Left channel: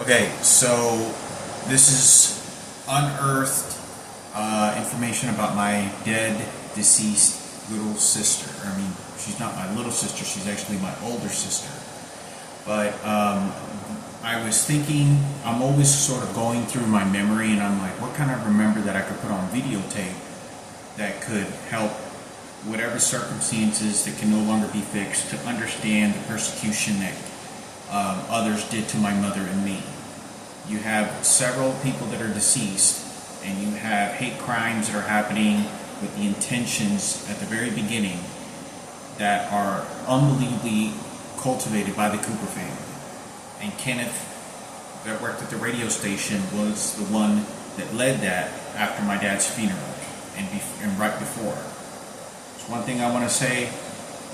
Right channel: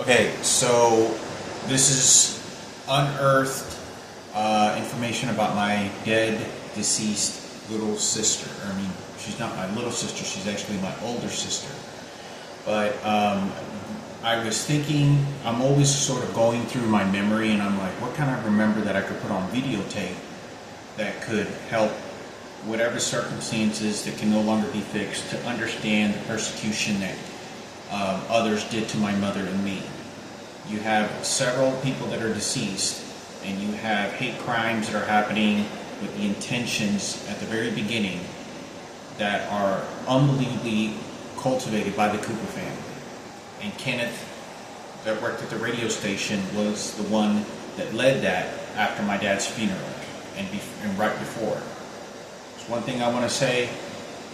Okay, so this is unearthed information about my dead, deceased little sister. I mean, she's not my little sister, she's actually my older sister. But I was thinking, I'm always sort of going through my memory, and I'm like, what can I remember that I could put on videotape that could help whatever circumstances that can no longer be fixed to understand the persecution that others did to my mother and me. You have several people that are deceased, and you have hate crimes that are happening with the intentions at the very beginning that are unbelievably cultivated by the Cooper family. And Kenneth, that worked at the radio station, was the one that led that after my dad's funeral and right before. So one thing I want to say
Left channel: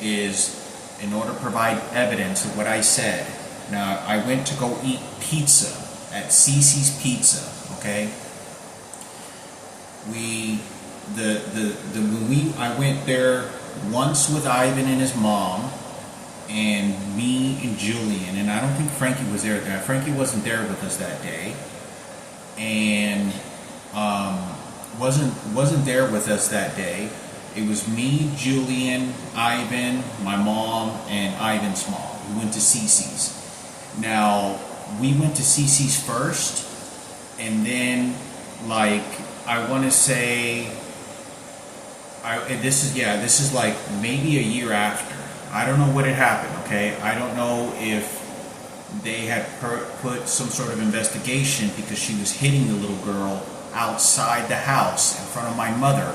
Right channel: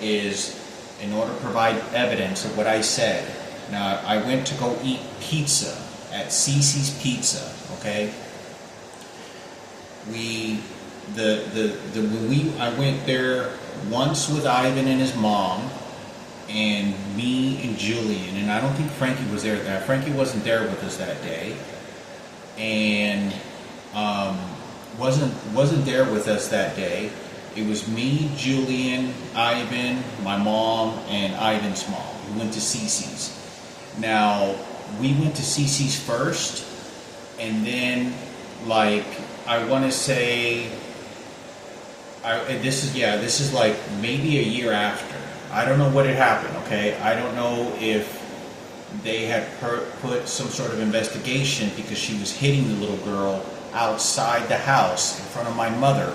is, in order to provide evidence of what I said, now I went to go eat pizza at Cece's Pizza, okay? I went there once with Ivan and his mom, and me and Julian, and I don't think Frankie was there. Frankie wasn't there with us that day, and wasn't there with us that day. It was me, Julian, Ivan, my mom, and Ivan's mom. We went to Cece's. Now, we went to Cece's first, and then, I want to say, this is like maybe a year after. I don't know what had happened, okay? I don't know if they had put some sort of investigation because she was hitting the little girl outside the house in front of my mother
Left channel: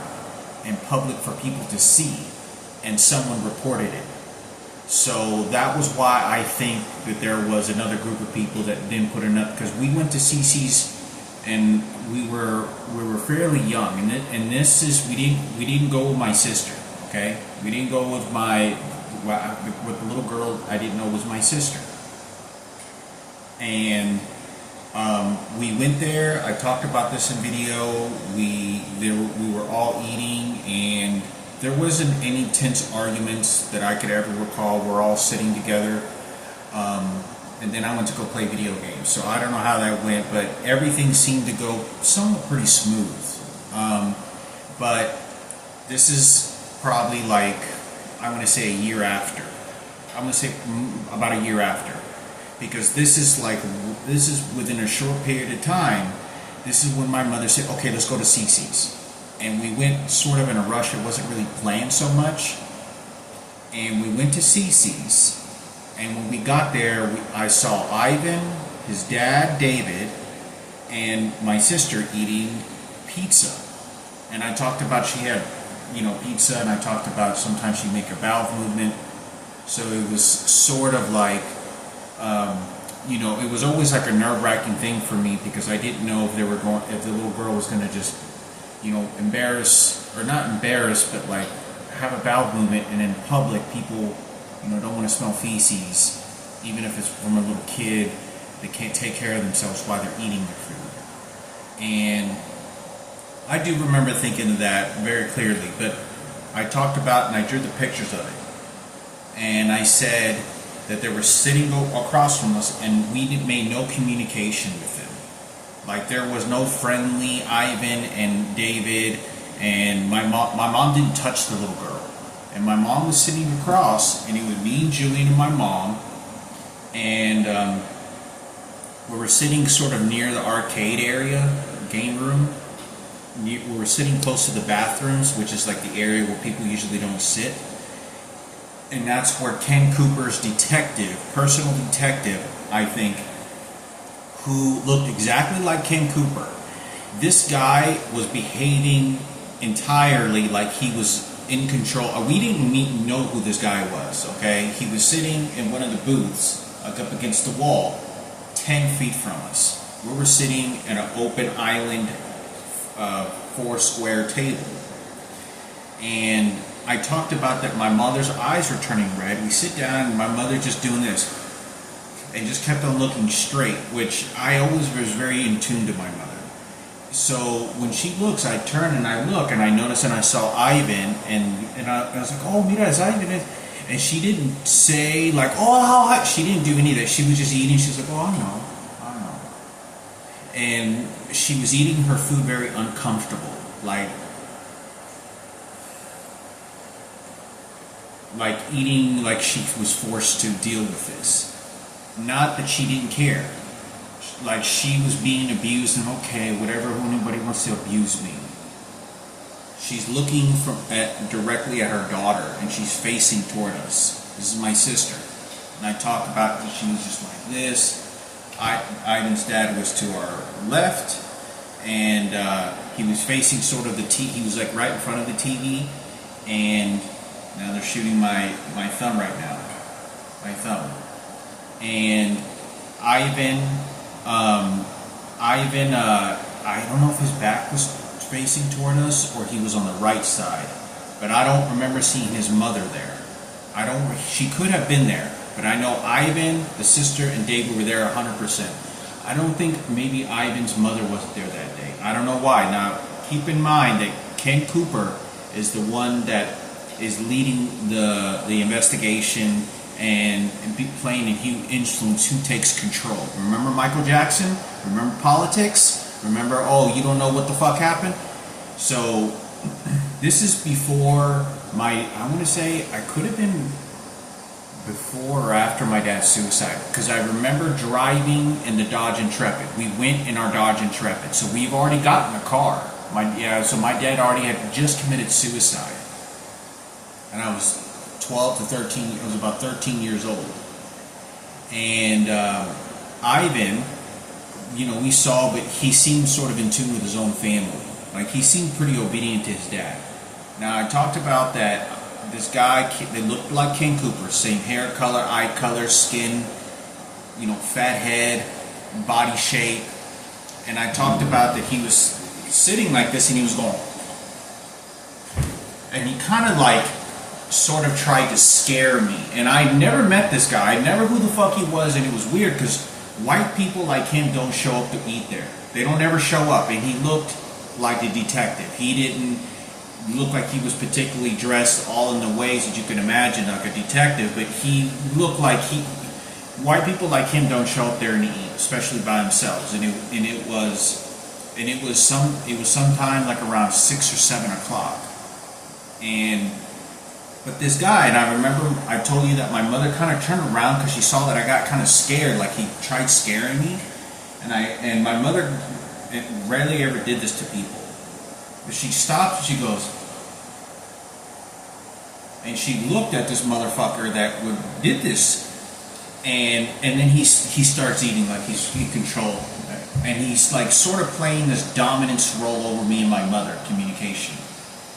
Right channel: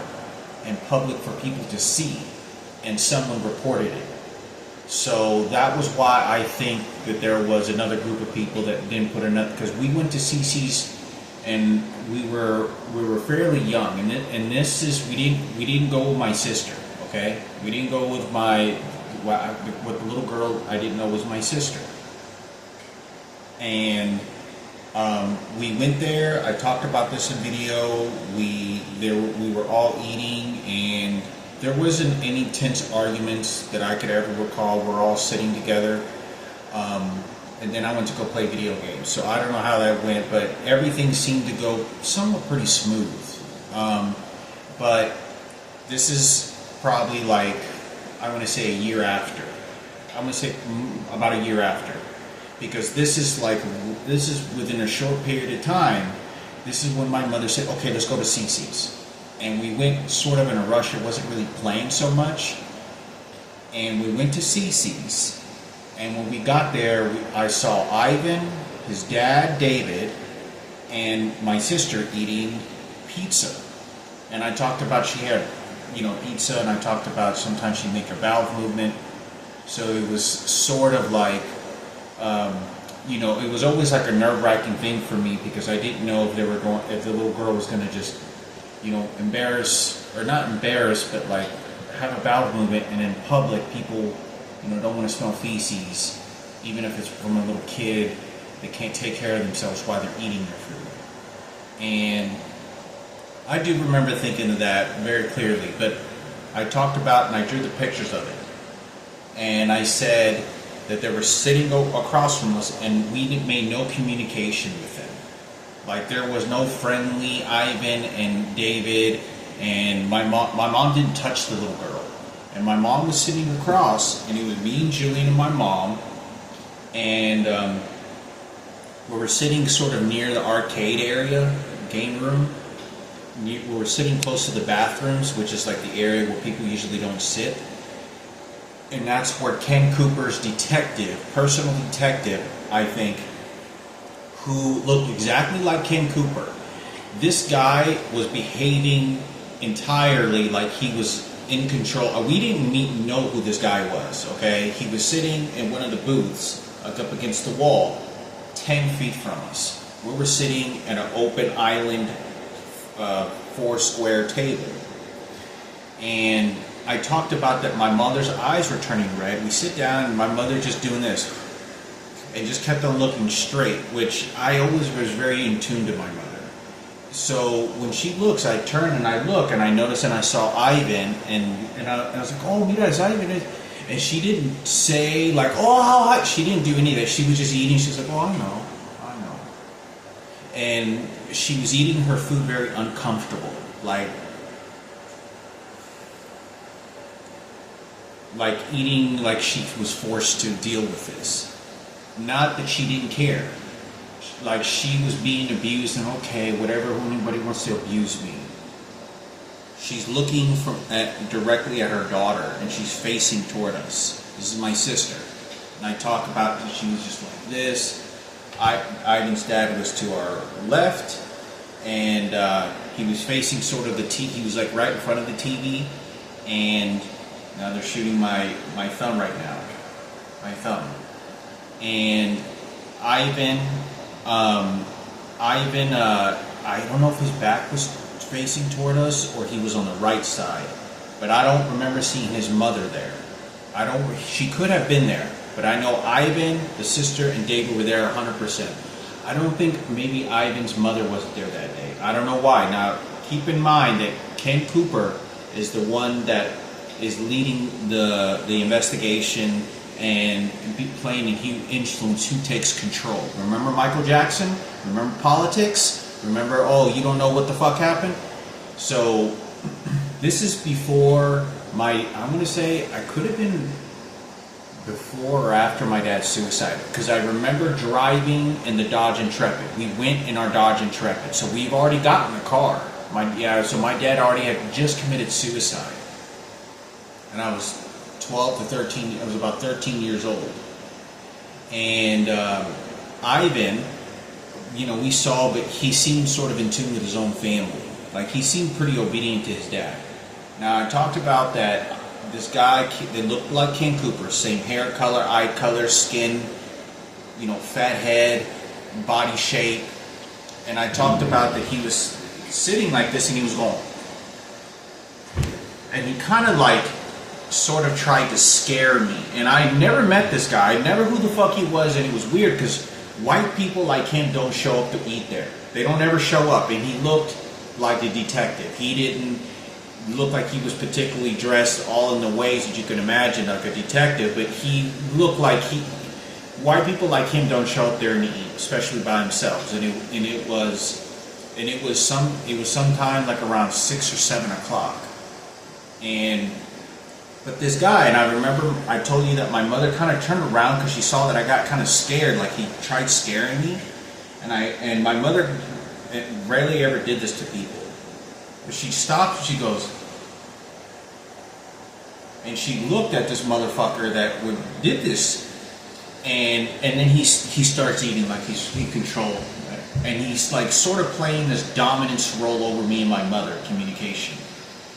in public for people to see, and someone reported it. So that was why I think that there was another group of people that didn't put enough, because we went to Cece's and we were fairly young, and this is we didn't go with my sister, okay? We didn't go with with the little girl I didn't know was my sister. And we went there. I talked about this in video. We were all eating, and there wasn't any tense arguments that I could ever recall. We're all sitting together, and then I went to go play video games. So I don't know how that went, but everything seemed to go somewhat pretty smooth. But this is probably I want to say a year after. I'm going to say about a year after, because this is within a short period of time. This is when my mother said, "Okay, let's go to Cece's." And we went sort of in a rush. It wasn't really planned so much. And we went to Cece's. And when we got there, I saw Ivan, his dad, David, and my sister eating pizza. And I talked about she had, pizza, and I talked about sometimes she'd make her bowel movement. So it was sort of it was always like a nerve-wracking thing for me, because I didn't know if the little girl was going to just embarrass, or not embarrass, but have a bowel movement, and in public people, don't want to smell feces, even if it's from a little kid that can't take care of themselves while they're eating their food. And I do remember thinking of that very clearly, but I talked about, and I drew the pictures of it, and I said that they were sitting across from us, and we made no communication with them. There was no friendly Ivan and David, and my mom didn't touch the little girl. And my mom was sitting across, and it was me and Julian and my mom, and we were sitting sort of near the arcade area, game room. We were sitting close to the bathrooms, which is the area where people usually don't sit. And that's where Ken Cooper's personal detective, I think, who looked exactly like Ken Cooper. This guy was behaving entirely like he was in control. We didn't know who this guy was, okay? He was sitting in one of the booths up against the wall, 10 feet from us. We were sitting at an open island, 4-square table. And I talked about that my mother's eyes were turning red. We sit down, and my mother just doing this, and just kept on looking straight, which I always was very in tune to my mother. So when she looks, I turn and I look, and I notice, and I saw Ivan, and I was like, "Oh, mira, it's Ivan." And she didn't say "Oh, how high." She didn't do any of that. She was just eating. She was like, "Oh, I know." and she was eating her food very uncomfortable, like eating like she was forced to deal with this. Not that she didn't care. Like she was being abused, and okay, whatever, anybody wants to abuse me. She's looking directly at her daughter, and she's facing toward us. This is my sister. And I talk about that she was just like this. Ivan's dad was to our left, and he was facing sort of the TV. He was like right in front of the TV, and now they're shooting my thumb right now. My thumb. And Ivan, I don't know if his back was facing toward us or he was on the right side, but I don't remember seeing his mother there. She could have been there, but I know Ivan, the sister, and David were there 100%. I don't think maybe Ivan's mother wasn't there that day. I don't know why. Now, keep in mind that Ken Cooper is the one that is leading the investigation and playing a huge influence who takes control. Remember Michael Jackson? Remember politics? Remember, oh, you don't know what the fuck happened? So, this is before I'm going to say, I could have been before or after my dad's suicide. Because I remember driving in the Dodge Intrepid. We went in our Dodge Intrepid. So we've already gotten a car. So my dad already had just committed suicide. And I was 12 to 13, I was about 13 years old. And Ivan, we saw, but he seemed sort of in tune with his own family. Like, he seemed pretty obedient to his dad. Now, I talked about that this guy that looked like Ken Cooper, same hair color, eye color, skin, fat head, body shape. And I talked about that he was sitting like this and he was going. And he kind of sort of tried to scare me. And I never met this guy. I never knew who the fuck he was, and it was weird because white people like him don't show up to eat there. They don't ever show up, and he looked like a detective. He didn't look like he was particularly dressed all in the ways that you can imagine like a detective, but he looked like white people like him don't show up there and eat, especially by themselves. And it was sometime like around 6 or 7 o'clock. But this guy, and I remember I told you that my mother kind of turned around because she saw that I got kind of scared, like he tried scaring me. And my mother rarely ever did this to people. But she stopped and she goes, and she looked at this motherfucker that did this. And then he starts eating like he's in control. And he's like sort of playing this dominance role over me and my mother, communication.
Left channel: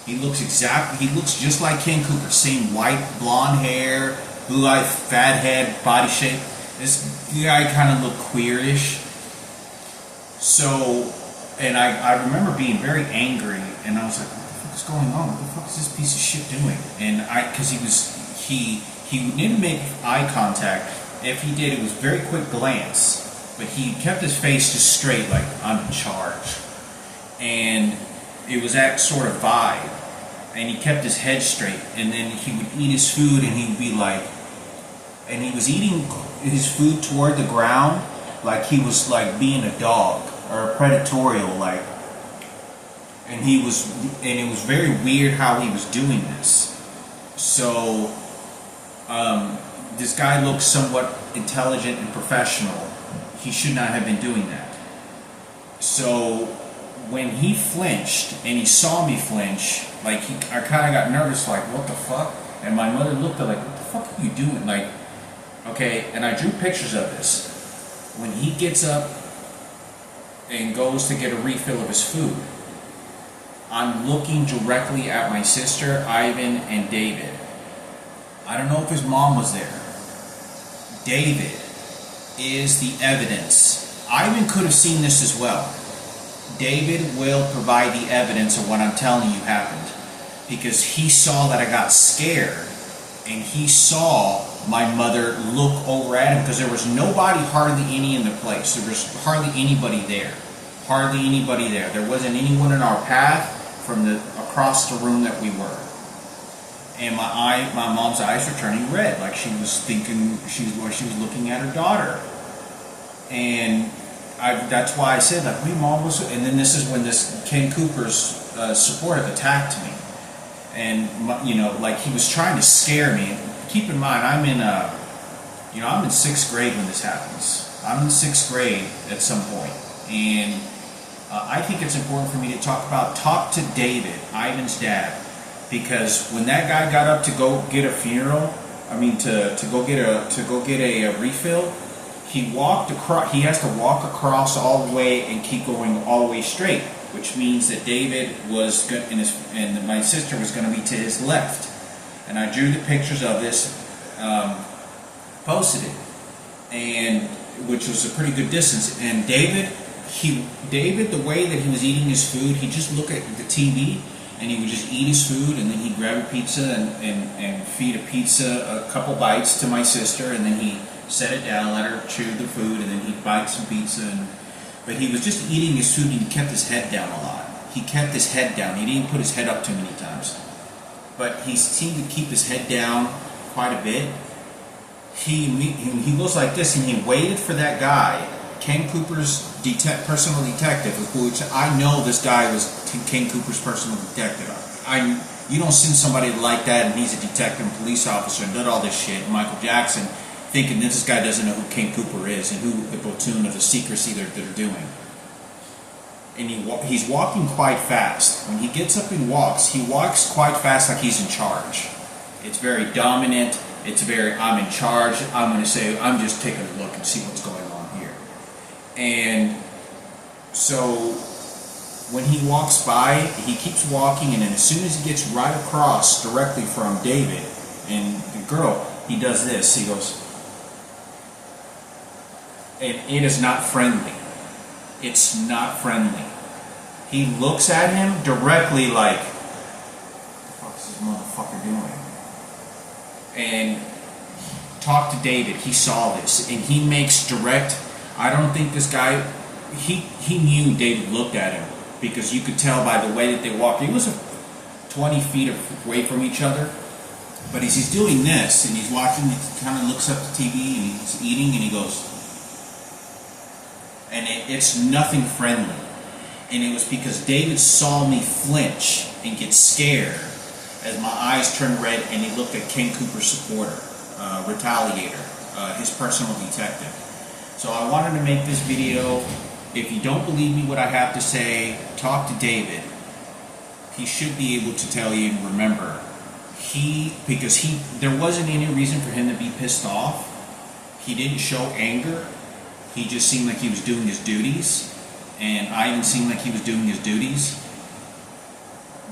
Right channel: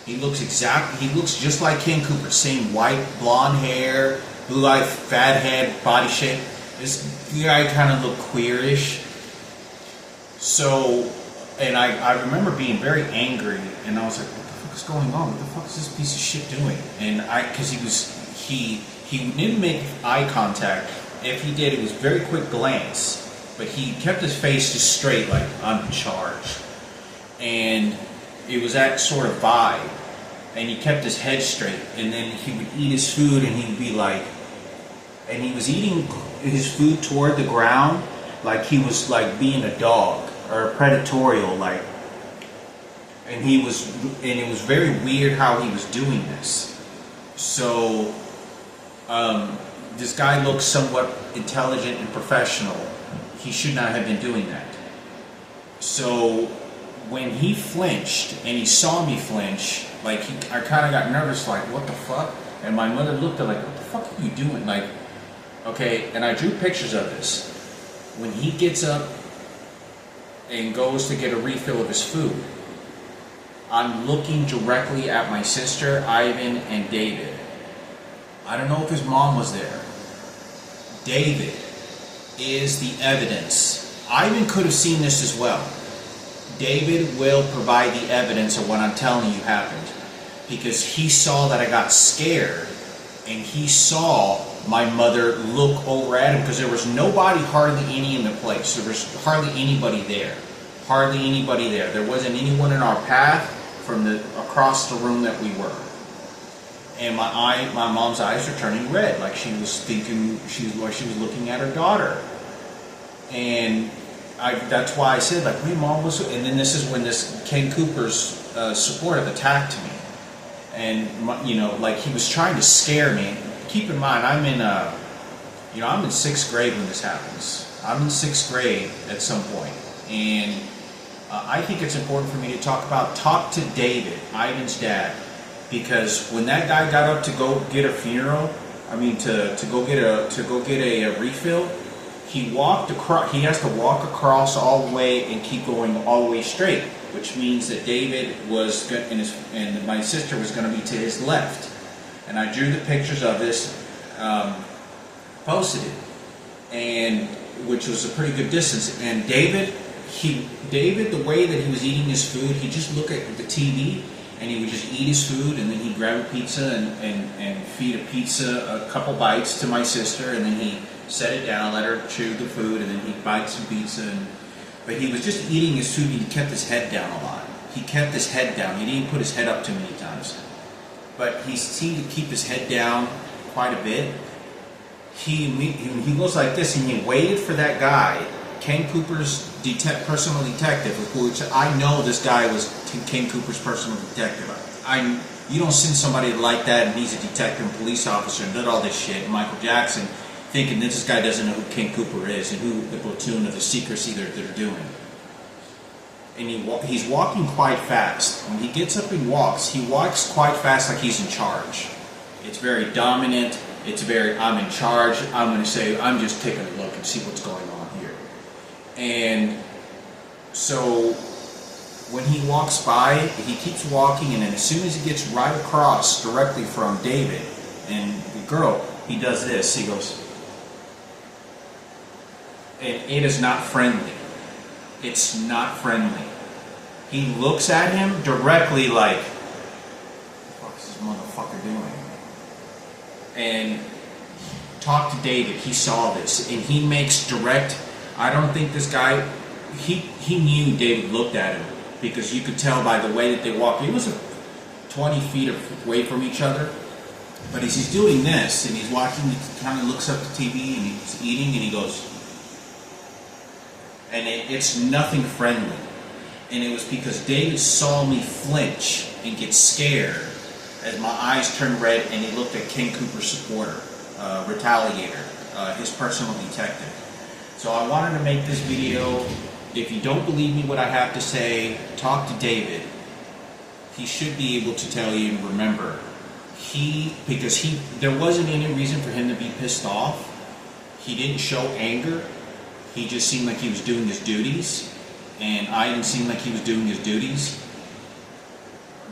He looks just like Ken Cooper. Same white, blonde hair, blue eye, fat head, body shape. This guy kind of looked queerish. So, and I remember being very angry, and I was like, what the fuck is going on? What the fuck is this piece of shit doing? And because he didn't make eye contact. If he did, it was very quick glance. But he kept his face just straight, like, I'm in charge. And it was that sort of vibe. And he kept his head straight. And then he would eat his food and he would be like... And he was eating his food toward the ground like he was like being a dog or a predatorial, like... And it was very weird how he was doing this. So, this guy looks somewhat intelligent and professional. He should not have been doing that. So... when he flinched and he saw me flinch, I kind of got nervous, like, what the fuck? And my mother looked at like, what the fuck are you doing? Like, okay, and I drew pictures of this. When he gets up and goes to get a refill of his food, I'm looking directly at my sister, Ivan, and David. I don't know if his mom was there. David is the evidence. Ivan could have seen this as well. David will provide the evidence of what I'm telling you happened, because he saw that I got scared and he saw my mother look over at him, because there was hardly any in the place. There was hardly anybody there. Hardly anybody there. There wasn't anyone in our path from across the room that we were. And my mom's eyes were turning red, like she was thinking, she was looking at her daughter. And that's why I said, like, we mom was, and then this is when this Ken Cooper's supportive attacked me, and you know, like he was trying to scare me. Keep in mind, I'm in I'm in 6th grade when this happens. I'm in 6th grade at some point, and I think it's important for me to talk to David, Ivan's dad, because when that guy got up to go get a funeral, to go get a refill, he walked across. He has to walk across all the way and keep going all the way straight, which means that David was and my sister was going to be to his left. And I drew the pictures of this, posted it, and which was a pretty good distance. And David, the way that he was eating his food, he just looked at the TV and he would just eat his food, and then he'd grab a pizza and feed a pizza a couple bites to my sister, and then he set it down, let her chew the food, and then he'd bite some pizza. But he was just eating his food, and he kept his head down a lot. He kept his head down. He didn't put his head up too many times. But he seemed to keep his head down quite a bit. He goes like this, and he waited for that guy, Ken Cooper's personal detective, which I know this guy was Ken Cooper's personal detective. You don't send somebody like that, and he's a detective and police officer and did all this shit, Michael Jackson, thinking that this guy doesn't know who Ken Cooper is and who the platoon of the secrecy they're doing. And he's walking quite fast. When he gets up and walks, he walks quite fast, like he's in charge. It's very dominant. It's very, I'm in charge. I'm going to say, I'm just taking a look and see what's going on here. And so when he walks by, he keeps walking, and then as soon as he gets right across directly from David and the girl, he does this. He goes, and it is not friendly. It's not friendly. He looks at him directly like, what the fuck is this motherfucker doing? And talk to David. He saw this, and he makes direct. I don't think this guy. He knew David looked at him, because you could tell by the way that they walked. He was 20 feet away from each other, but as he's doing this and he's watching, he kind of looks up at the TV and he's eating, and he goes, and it's nothing friendly. And it was because David saw me flinch and get scared as my eyes turned red, and he looked at Ken Cooper's supporter, Retaliator, his personal detective. So I wanted to make this video. If you don't believe me what I have to say, talk to David. He should be able to tell you. Remember, there wasn't any reason for him to be pissed off. He didn't show anger. He just seemed like he was doing his duties, and Ivan seemed like he was doing his duties.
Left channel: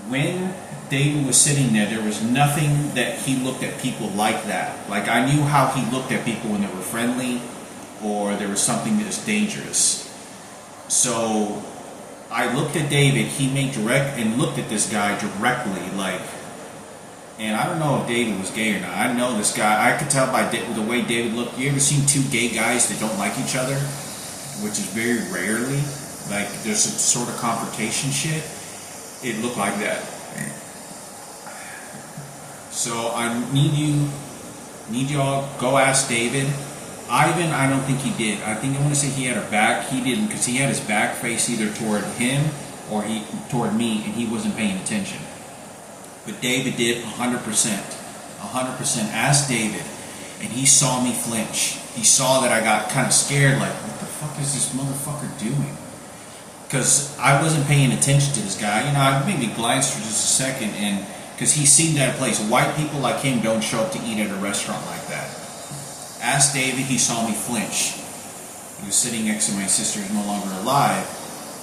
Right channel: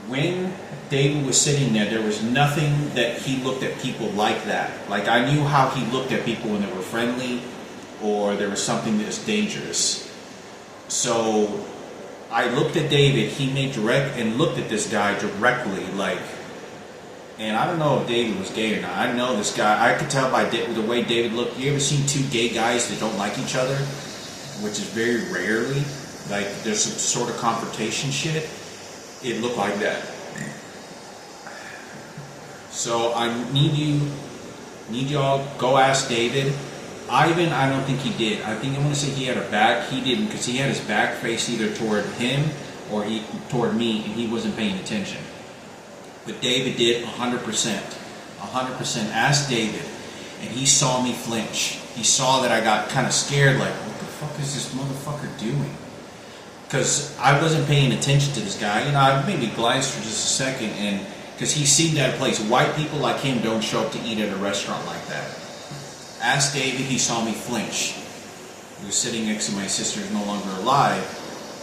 When David was sitting there was nothing that he looked at people like that. Like, I knew how he looked at people when they were friendly or there was something that was dangerous. So I looked at David. He made direct and looked at this guy directly, like. And I don't know if David was gay or not. I know this guy. I could tell by the way David looked. You ever seen two gay guys that don't like each other? Which is very rarely. Like, there's some sort of confrontation shit. It looked like that. So I need y'all go ask David. Ivan, I don't think he did. I want to say he had a back. He didn't, because he had his back faced either toward him or toward me, and he wasn't paying attention. But David did 100%. 100%. Ask David, and he saw me flinch. He saw that I got kind of scared, like, what the fuck is this motherfucker doing? Because I wasn't paying attention to this guy. I maybe glanced for just a second, and because he seemed at a place. White people like him don't show up to eat at a restaurant like that. Asked David, he saw me flinch. He was sitting next to my sister, who's no longer alive,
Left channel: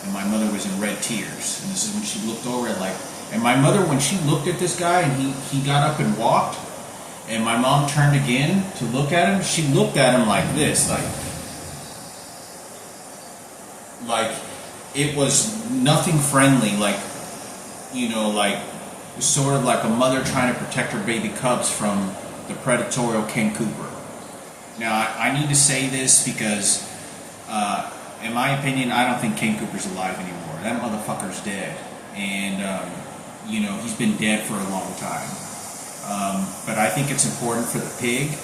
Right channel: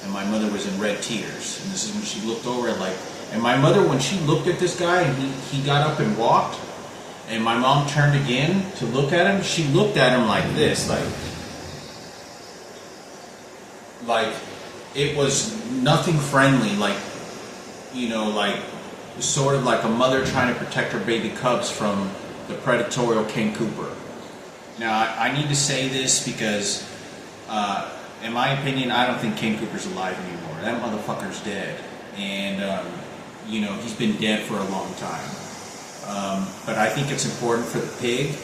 and my mother was in red tears. And this is when she looked over, like, and my mother, when she looked at this guy and he got up and walked, and my mom turned again to look at him, she looked at him like this, like it was nothing friendly, like, like sort of like a mother trying to protect her baby cubs from the predatory Ken Cooper. Now, I need to say this because, in my opinion, I don't think Ken Cooper's alive anymore. That motherfucker's dead. And, he's been dead for a long time. But I think it's important for the pig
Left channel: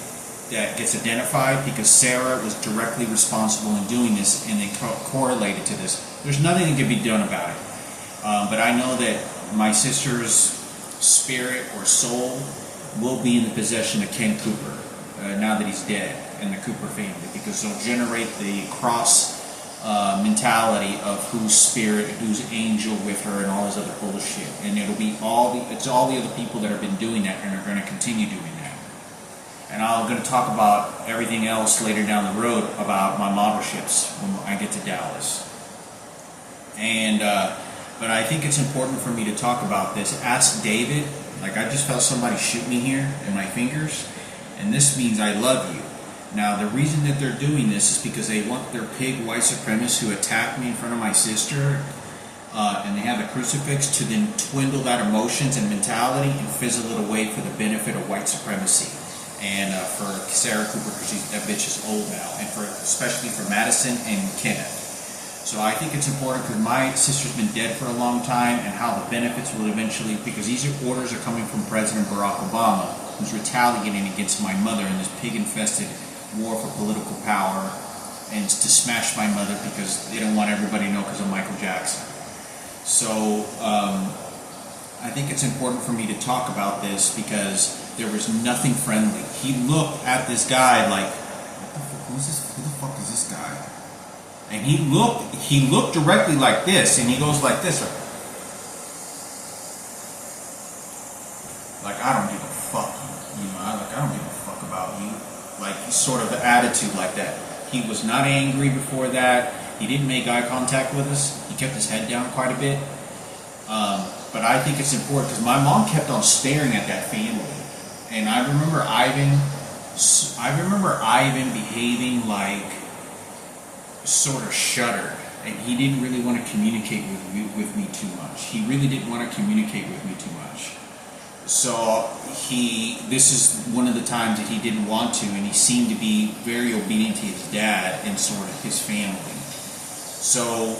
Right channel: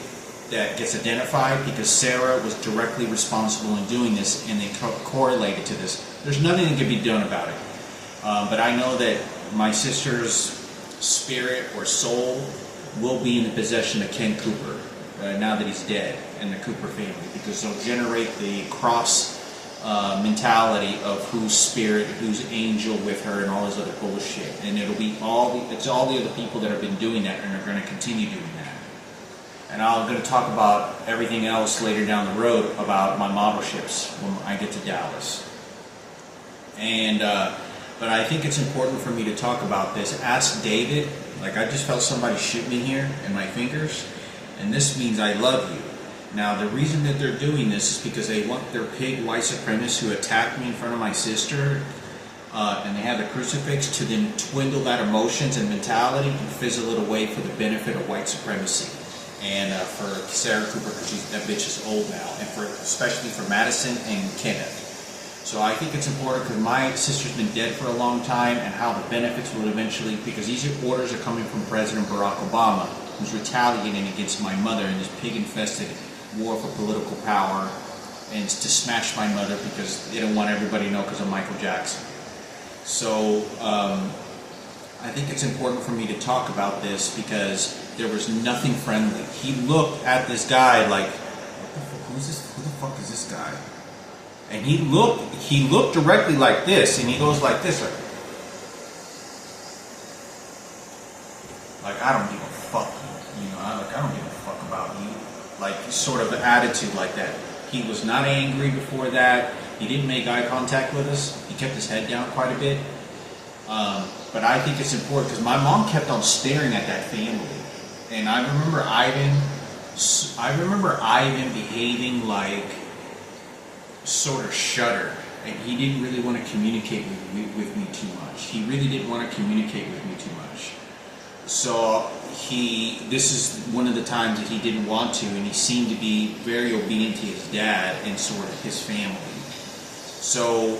that gets identified because Sarah was directly responsible in doing this, and they correlated to this. There's nothing that can be done about it. But I know that my sister's spirit or soul will be in the possession of Ken Cooper now that he's dead, and the Cooper family, because they'll generate the cross mentality of whose spirit, whose angel with her, and all this other bullshit. And it'll be all the other people that have been doing that and are going to continue doing that. And I'm going to talk about everything else later down the road about my model ships when I get to Dallas. And but I think it's important for me to talk about this. Ask David. Like, I just felt somebody shoot me here in my fingers, and this means I love you. Now, the reason that they're doing this is because they want their pig white supremacists who attacked me in front of my sister, and they have the crucifix, to then dwindle that emotions and mentality and fizzle it away for the benefit of white supremacy. And for Sarah Cooper, because that bitch is old now, and especially for Madison and Kenneth. So I think it's important because my sister's been dead for a long time, and how the benefits will eventually, because these orders are coming from President Barack Obama, who's retaliating against my mother in this pig-infested war for political power, and it's to smash my mother because they don't want everybody to know because of Michael Jackson. So I think it's important for me to talk about this because there was nothing friendly. He looked at this guy like, who the fuck is this guy? And he looked directly like this, and he goes like this, like I don't give a fuck, you know, I don't give a fuck about you, like sort of an attitude like that. He was not angry before that. He didn't make eye contact with us. He kept his head down quite a bit. But I think it's important because my mom kept on staring at that family, and I remember Ivan behaving like sort of shuddered, and he didn't really want to communicate with me too much. He really didn't want to communicate with me too much. So this is one of the times that he didn't want to, and he seemed to be very obedient to his dad and sort of his family. So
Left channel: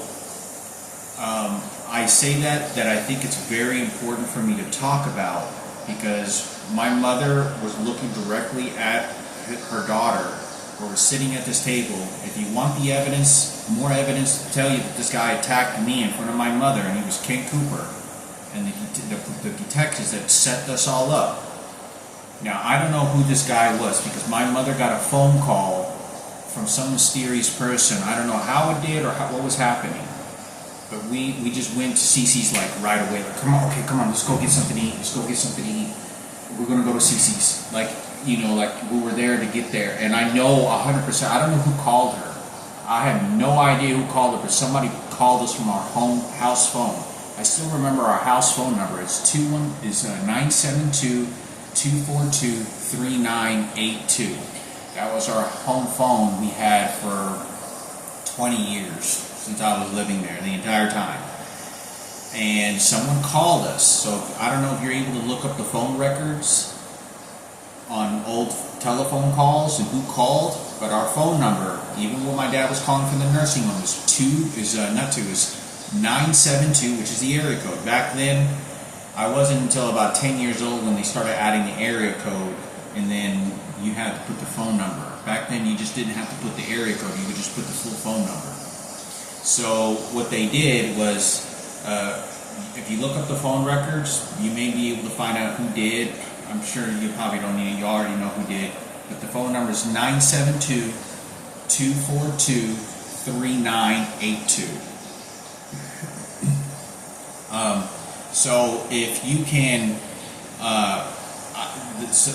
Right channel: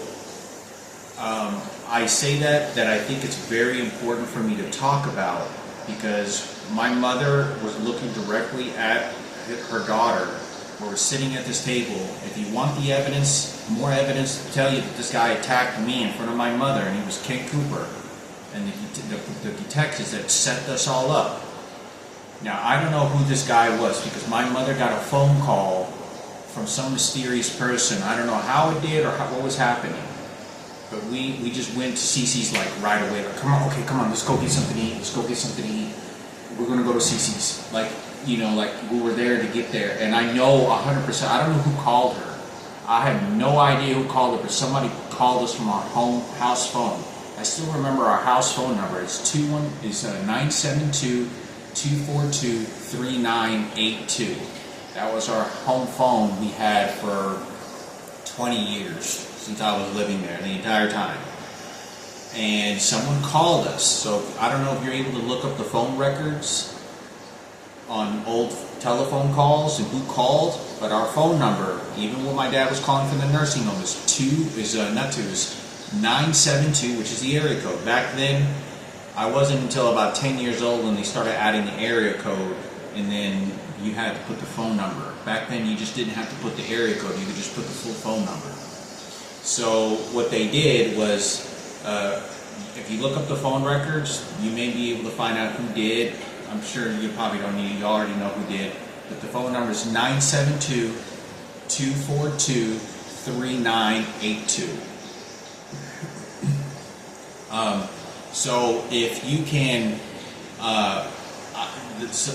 I say that I think it's very important for me to talk about, because my mother was looking directly at her daughter. We're sitting at this table. If you want the evidence, more evidence to tell you that this guy attacked me in front of my mother, and he was Ken Cooper, and the detectives that set us all up. Now, I don't know who this guy was, because my mother got a phone call from some mysterious person. I don't know how it did or what was happening, but we just went to CC's like right away. Like, come on, let's go get something to eat. Let's go get something to eat. We're gonna go to CC's. Like, you know, like we were there to get there. And I know 100%, I don't know who called her. I have no idea who called her, but somebody called us from our house phone. I still remember our house phone number. It's 972-242-3982. That was our home phone we had for 20 years since I was living there, the entire time. And someone called us. So I don't know if you're able to look up the phone records on old telephone calls and who called, but our phone number, even when my dad was calling from the nursing home, is 972, which is the area code. Back then, I wasn't until about 10 years old when they started adding the area code, and then you had to put the phone number. Back then, you just didn't have to put the area code, you could just put the full phone number. So what they did was, if you look up the phone records, you may be able to find out who did. I'm sure you probably don't need, you already know who did. But the phone number is 972-242-3982. So if you can, the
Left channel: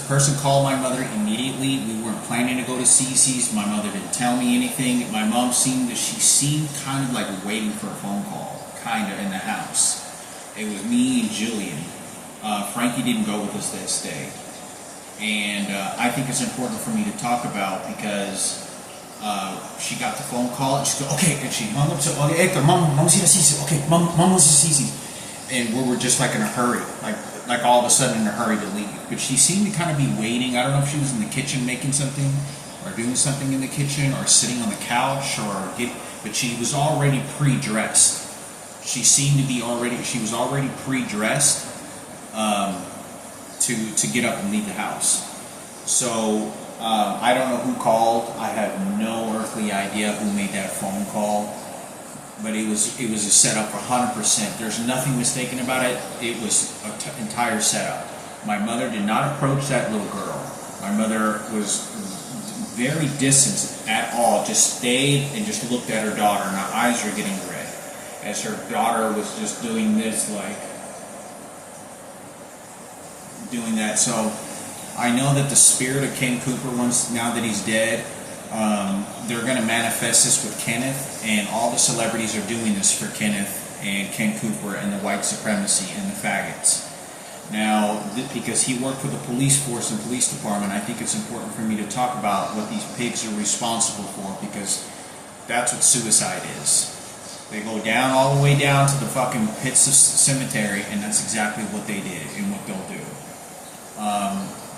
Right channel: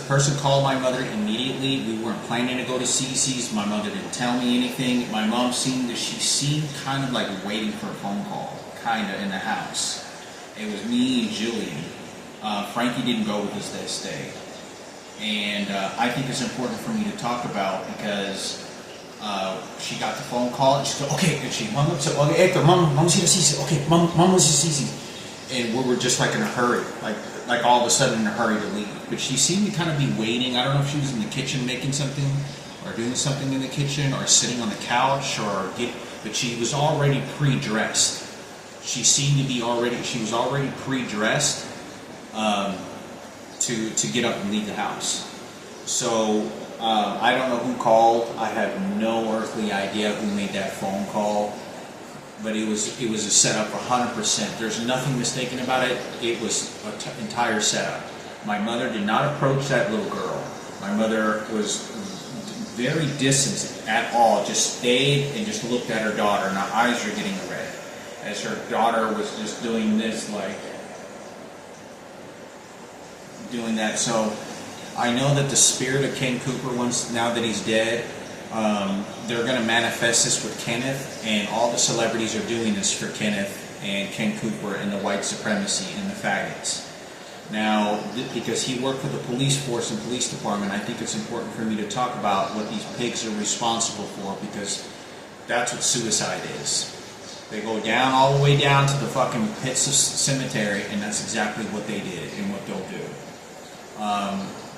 person called my mother immediately. We weren't planning to go to CC's. My mother didn't tell me anything. My mom seemed kind of like waiting for a phone call, kind of in the house. It was me and Julian. Frankie didn't go with us this day. And I think it's important for me to talk about because she got the phone call and she said, okay, and she hung up. So, okay, Hector, Mom's here to see you. Okay, Mom wants to see you. And we were just like in a hurry, like all of a sudden in a hurry to leave. But she seemed to kind of be waiting. I don't know if she was in the kitchen making something or doing something in the kitchen or sitting on the couch but she was already pre-dressed. She was already pre-dressed to get up and leave the house. So I don't know who called. I have no earthly idea who made that phone call. But it was a setup 100%. There's nothing mistaken about it. It was an entire setup. My mother did not approach that little girl. My mother was very distant at all. Just stayed and just looked at her daughter, and her eyes were getting red as her daughter was just doing this, like doing that. So I know that the spirit of Ken Cooper, once now that he's dead, they're going to manifest this with Kenneth, and all the celebrities are doing this for Kenneth and Ken Cooper and the white supremacy and the faggots. Now, because he worked for the police force and police department, I think it's important for me to talk about what these pigs are responsible for, because that's what suicide is. They go down, all the way down to the fucking pits of cemetery, and that's exactly what they did and what they'll do.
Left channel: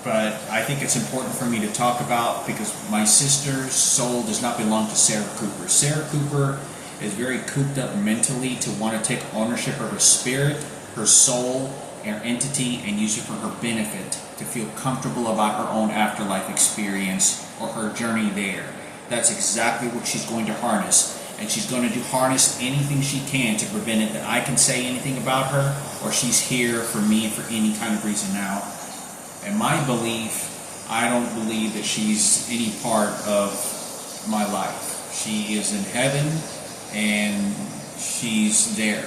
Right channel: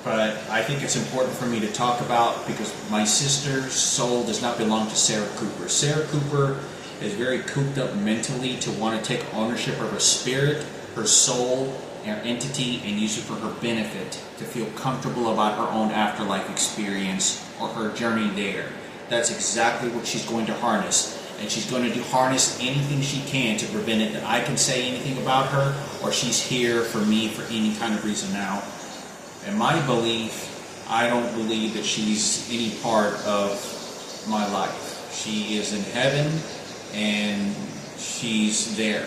But I think it's important for me to talk about, because my sister's soul does not belong to Sarah Cooper. Sarah Cooper is very cooped up mentally to want to take ownership of her spirit, her soul, her entity, and use it for her benefit, to feel comfortable about her own afterlife experience or her journey there. That's exactly what she's going to harness. And she's going to harness anything she can to prevent it that I can say anything about her, or she's here for me for any kind of reason. Now, in my belief, I don't believe that she's any part of my life. She is in heaven, and she's there.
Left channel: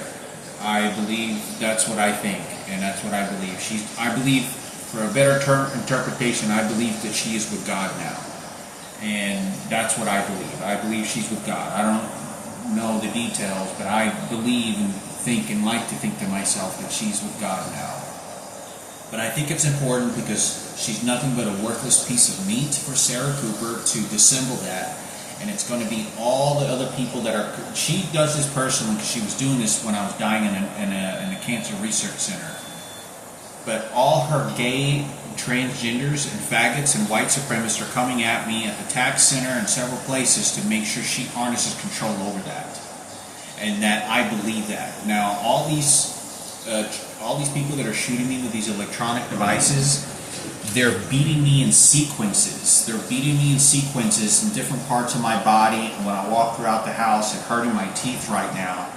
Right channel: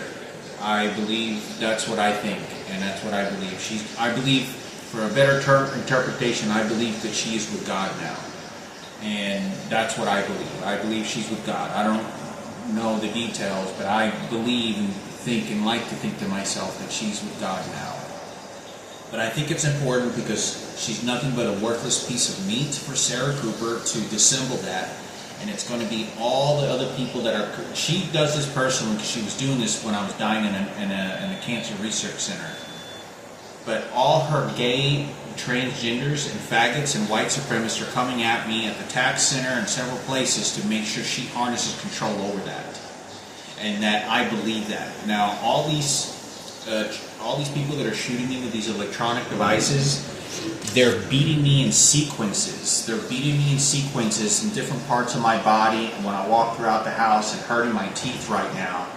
I believe that's what I think, and that's what I believe. I believe, for a better interpretation, I believe that she is with God now. And that's what I believe. I believe she's with God. I don't know the details, but I believe and think and like to think to myself that she's with God now. But I think it's important because she's nothing but a worthless piece of meat for Sarah Cooper to dissemble that. And it's going to be all the other people that are... She does this personally because she was doing this when I was dying in a cancer research center. But all her gay, transgenders, and faggots and white supremacists are coming at me at the tax center and several places to make sure she harnesses control over that. And that I believe that. Now, all these people that are shooting me with these electronic devices, they're beating me in sequences. They're beating me in sequences in different parts of my body and when I walk throughout the house and hurting my teeth right now,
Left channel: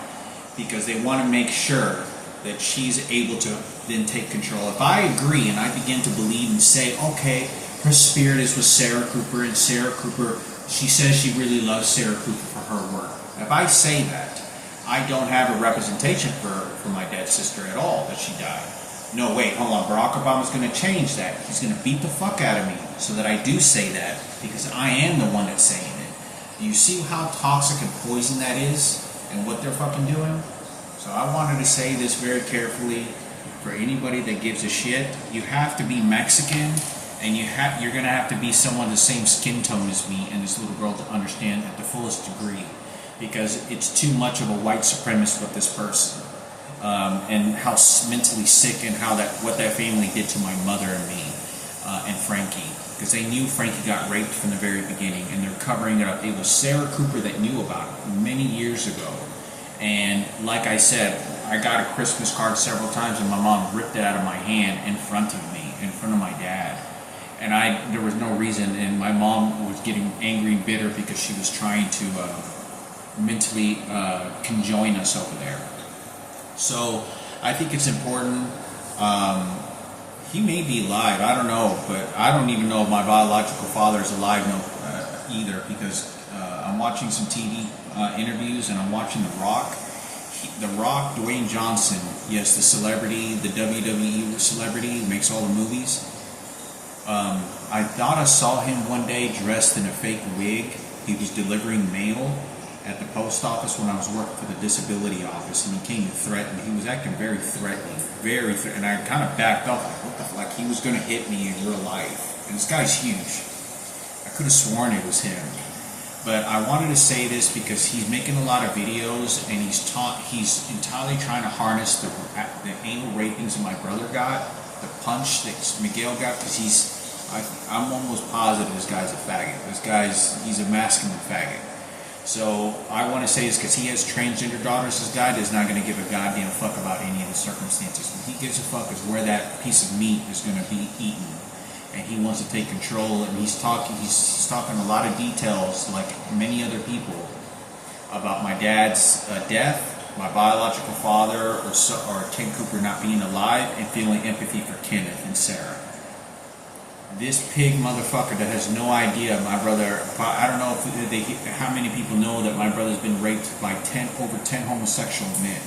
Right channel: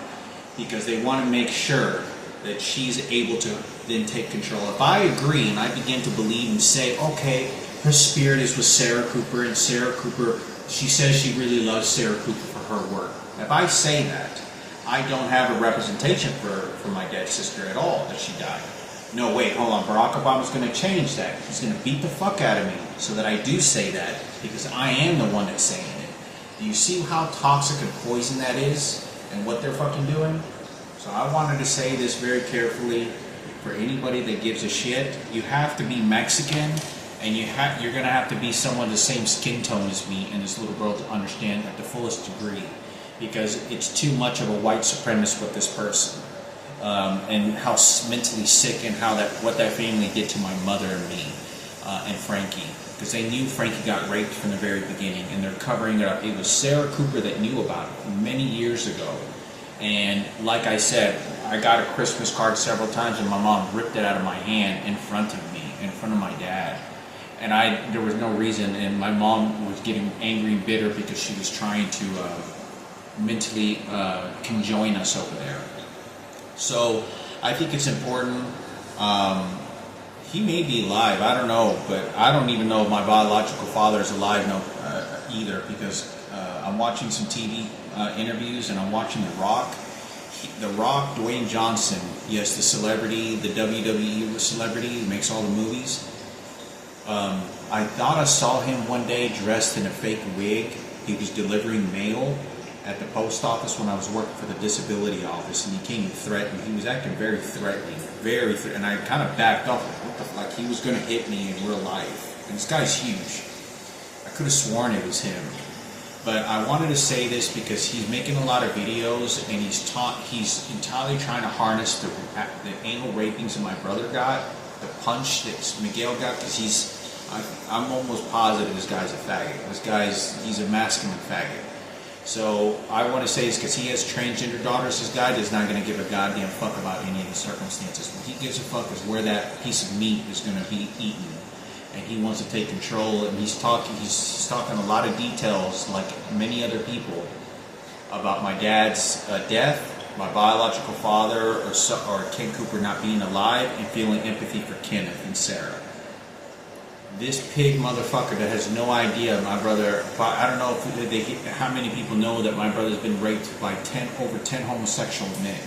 because they want to make sure that she's able to then take control. If I agree and I begin to believe and say, okay, her spirit is with Sarah Cooper, and Sarah Cooper, she says she really loves Sarah Cooper for her work. If I say that, I don't have a representation for my dead sister at all, that she died. No, wait, hold on. Barack Obama's going to change that. He's going to beat the fuck out of me so that I do say that, because I am the one that's saying it. Do you see how toxic and poison that is and what they're fucking doing? So I wanted to say this very carefully for anybody that gives a shit. You have to be Mexican, and you're going to have to be someone the same skin tone as me and this little girl to understand at the fullest degree, because it's too much of a white supremacist with this person. And how mentally sick and what that family did to my mother and me and Frankie, because they knew Frankie got raped from the very beginning, and they're covering it up. It was Sarah Cooper that knew about it many years ago, and like I said, I got a Christmas card several times, and my mom ripped it out of my hand in front of me, in front of my dad, and there was no reason, and my mom was getting angry and bitter because she was trying to mentally conjoin us over there. So I think it's important. He may be alive, I don't know, but I don't even know if my biological father is alive either, because I'm watching some TV interviews, and I'm watching The Rock. The Rock, Dwayne Johnson, yes, the celebrity, the WWE celebrity who makes all the movies. I thought I saw him one day dressed in a fake wig. He was delivering mail at the post office when I was working for the disability office, and he came and threatened. He was acting very threatening, and I kind of backed off, like he was going to hit me in real life. And this guy's huge. I could have sworn it was him. But I wanted to say this because he's making a lot of videos, and he's entirely trying to harness the anal rapings that my brother got, the punch that Miguel got, because I'm almost positive this guy's a faggot. He's a masculine faggot. So I want to say this because he has transgender daughters. This guy is not going to give a goddamn fuck about any of the circumstances. What he gives a fuck is where that piece of meat is going to be eaten. and he wants to take control, and he's talking a lot of details, like many other people, about my dad's death, my biological father, or Ken Cooper not being alive, and feeling empathy for Kenneth and Sarah. This pig motherfucker that has no idea my brother, I don't know how many people know that my brother's been raped by over 10 homosexual men.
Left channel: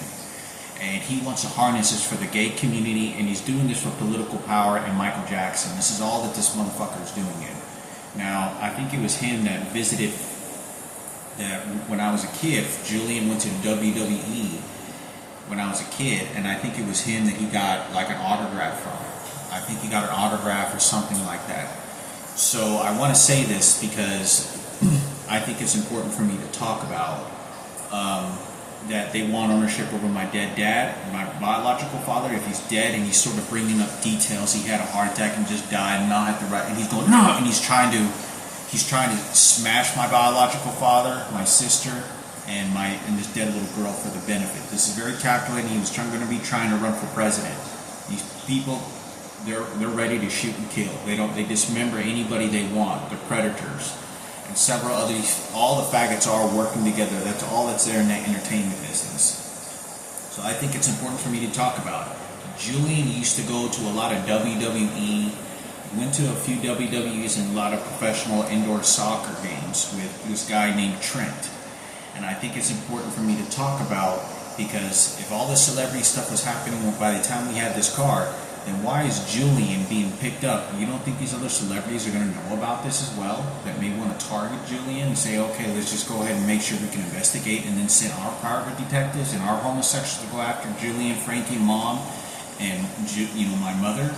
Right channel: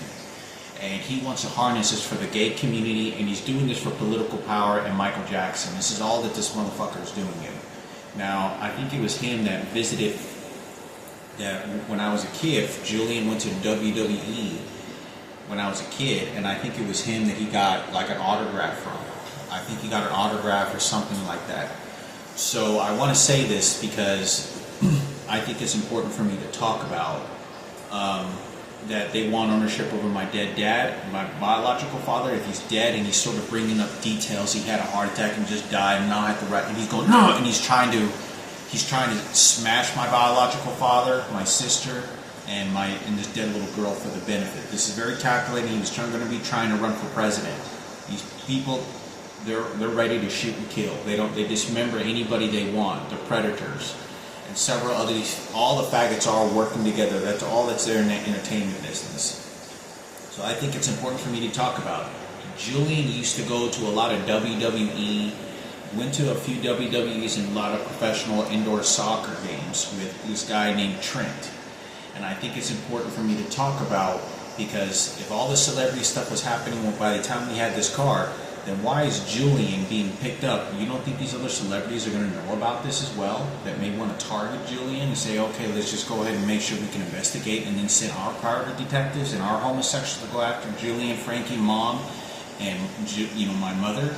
And he wants to harness this for the gay community, and he's doing this for political power and Michael Jackson. This is all that this motherfucker is doing it. Now, I think it was him that visited, that when I was a kid, Julian went to WWE when I was a kid, and I think it was him that he got like an autograph from. I think he got an autograph or something like that. So I want to say this because I think it's important for me to talk about that they want ownership over my dead dad, my biological father. If he's dead, and he's sort of bringing up details, he had a heart attack and just died, and not at the right, and he's going no, and he's trying to smash my biological father, my sister, and this dead little girl for the benefit. This is very calculating. He was going to be trying to run for president. These people, they're ready to shoot and kill. They dismember anybody they want. They're predators. And several others, all the faggots are working together. That's all that's there in the entertainment business. So I think it's important for me to talk about it. Julian used to go to a lot of WWE, went to a few WWEs and a lot of professional indoor soccer games with this guy named Trent. And I think it's important for me to talk about, because if all this celebrity stuff was happening by the time we had this car, then why is Julian being picked up? You don't think these other celebrities are going to know about this as well? That may want to target Julian and say, okay, let's just go ahead and make sure we can investigate, and then send our private detectives and our homosexuals to go after Julian, Frankie, Mom, and my mother.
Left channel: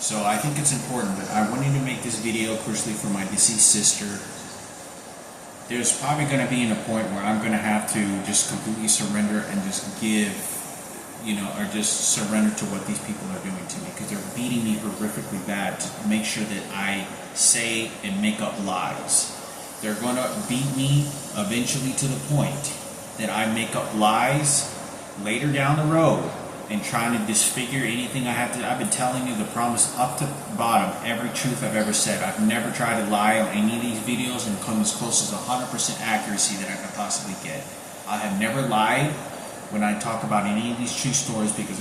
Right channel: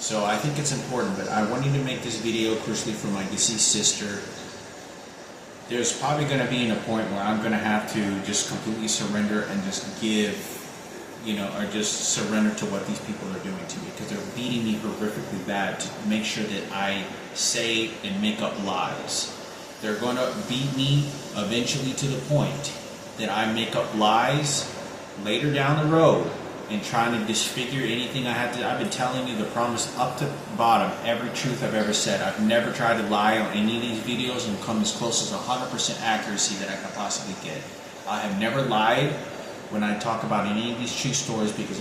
So I think it's important, but I wanted to make this video crucially for my deceased sister. There's probably going to be a point where I'm going to have to just completely surrender and just give, or just surrender to what these people are doing to me, because they're beating me horrifically bad to make sure that I say and make up lies. They're going to beat me eventually to the point that I make up lies later down the road and trying to disfigure anything I have to. I've been telling you the promise up to bottom, every truth I've ever said. I've never tried to lie on any of these videos and come as close as 100% accuracy that I could possibly get. I have never lied when I talk about any of these true stories, because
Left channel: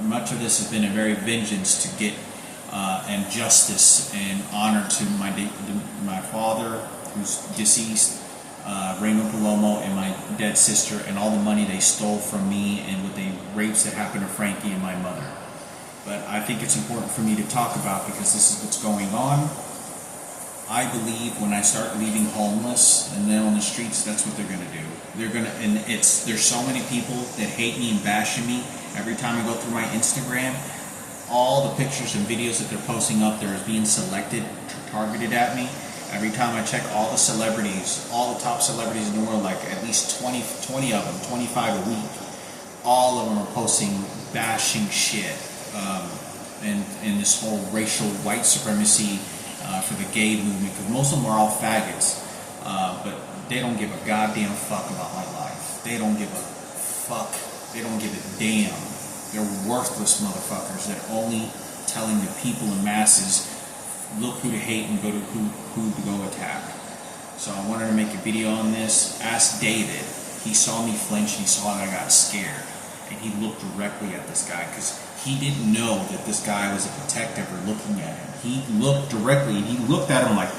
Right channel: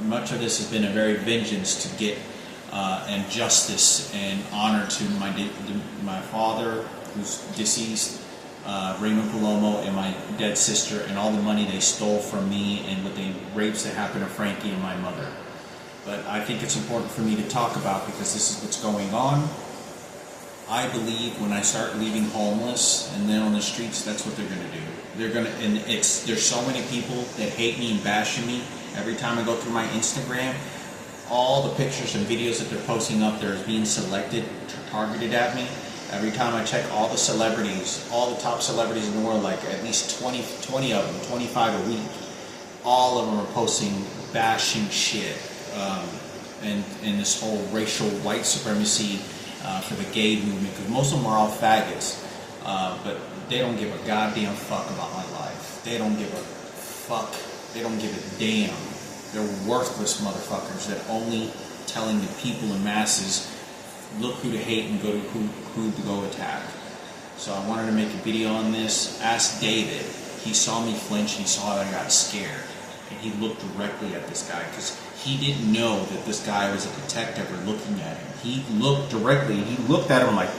much of this has been a very vengeance to get and justice and honor to my father, who's deceased, Raymond Palomo, and my dead sister, and all the money they stole from me, and with the rapes that happened to Frankie and my mother. But I think it's important for me to talk about, because this is what's going on. I believe when I start leaving homeless and then on the streets, that's what they're going to do. There's so many people that hate me and bashing me. Every time I go through my Instagram, all the pictures and videos that they're posting up there is being selected, targeted at me. Every time I check all the celebrities, all the top celebrities in the world, like at least 20 of them, 25 a week, all of them are posting bashing shit, and this whole racial white supremacy for the gay movement, because most of them are all faggots, but they don't give a goddamn fuck about my life. They don't give a fuck. They don't give a damn. They're worthless motherfuckers that only telling the people and masses, look who to hate and who to go attack. So I wanted to make a video on this. Ask David. He saw me flinch, he saw that I got scared, and he looked directly at this guy, because he didn't know that this guy was a detective or looking at him. He looked directly, and he looked at him like,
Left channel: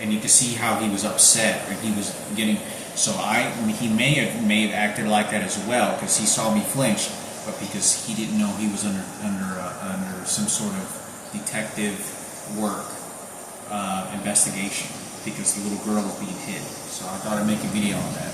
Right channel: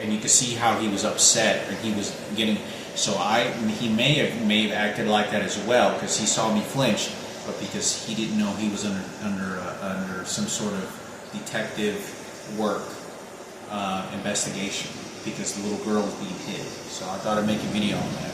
and you could see how he was upset, and he was getting. So he may have acted like that as well, because he saw me flinch, but because he didn't know he was under some sort of detective work investigation, because the little girl was being hid. So I thought I'd make a video on that.